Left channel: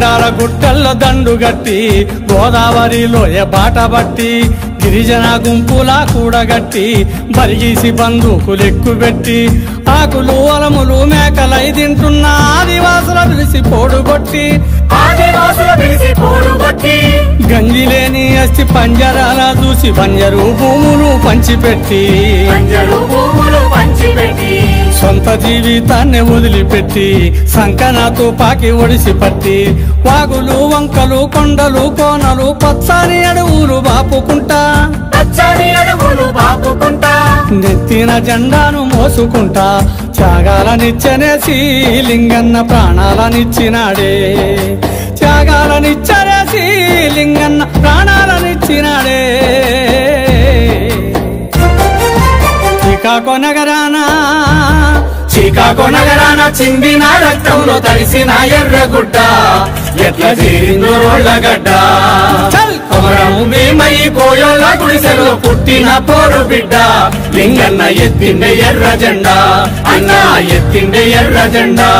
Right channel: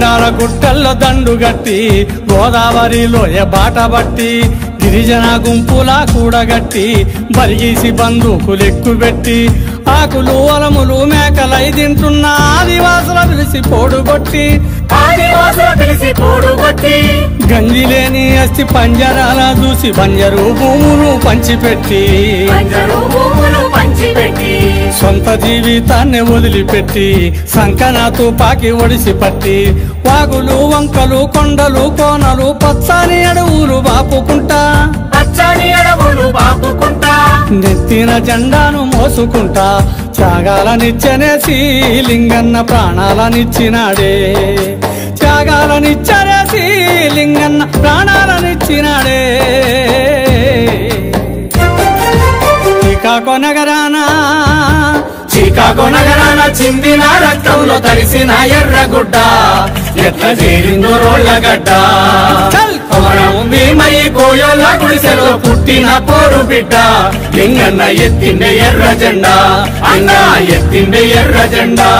కొండాల గుట్టల్లో దండుగట్టి గోదావరిలోయ బాట బట్టి గిరిజన గుంపులా కూడగట్టి బరిగీసి బందూకులెక్కుబెట్టి ఆకులు అలములు మేకలై తింటున్న ఆదివాసుల పిలిచి పోడుగొట్టి గంజిలేని అస్థి పంజరాల చూసి బంజరు భూములు పంచిపెట్టి సొంత జీవితాన్ని వదిలిపెట్టి సంకనాతో పాకి ఒడిసి పట్టి వాగులు వంకలు కొండలు కోనలు పచ్చని అడవులు బాపుకుంటా నెత్తిన జెండాను మోసుకుంటా త్యాగాలనిచ్చనేసి లింగన్న ప్రాణాలనిచ్చినాడే త్యాగాలనిచ్చనేసి లింగన్న ప్రాణాలనిచ్చినాడే శ్రీకాకుళం నగరాన చిందిన రక్తంలో తడిసిన ఎర్రగుడ్డ ఎట్లా చేరిందో రోళ్లగడ్డ కొమరము భీమయ్య కోయోళ్ళ గుడిసెలో పుట్టిన పోరు బిడ్డ లింగన్న ఎత్తిండే ఎర్ర జెండా లింగన్న ఎత్తిండే ఎర్ర జెండా